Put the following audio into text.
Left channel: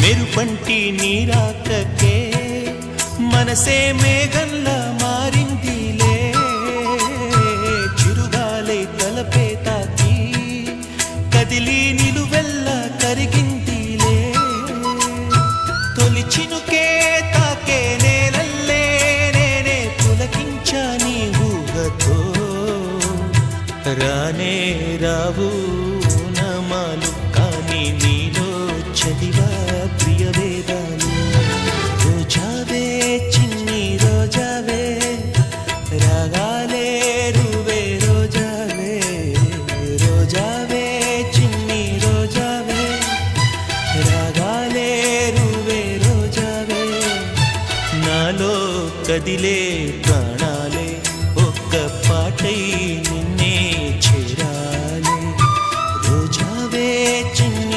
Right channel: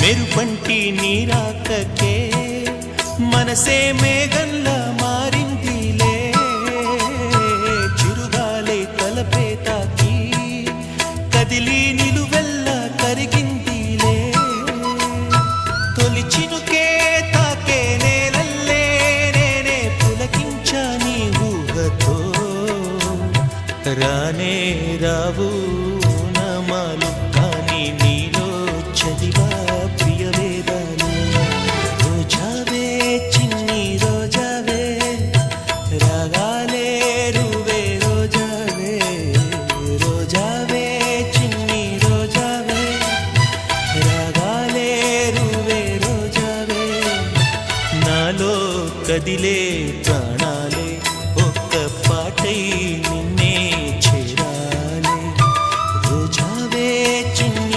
మెరుపంటి నీరాకకే మనసే మేఘంలా మారిందిలే, చిరుగాలై తలపే తాకి కదిలి నిలువెల్లా కరిగిందిలే, తొలి చినుకే తాకే నేలల్లే నేనే పులకించా నీ ఊహతో, రానే రావు నమాలు కానీ నీలో చదివా ప్రియ వేదాలు. రోజావే చిన్ని రోజావే రాగాలే రువే రోజావే, రోజావే చిన్ని రోజావే రాగాలే రువే రోజావే, నాలో కదిలే ప్రాణాలే ఒక్క పాటై నిన్నే చేరాలే. రోజావే చిన్ని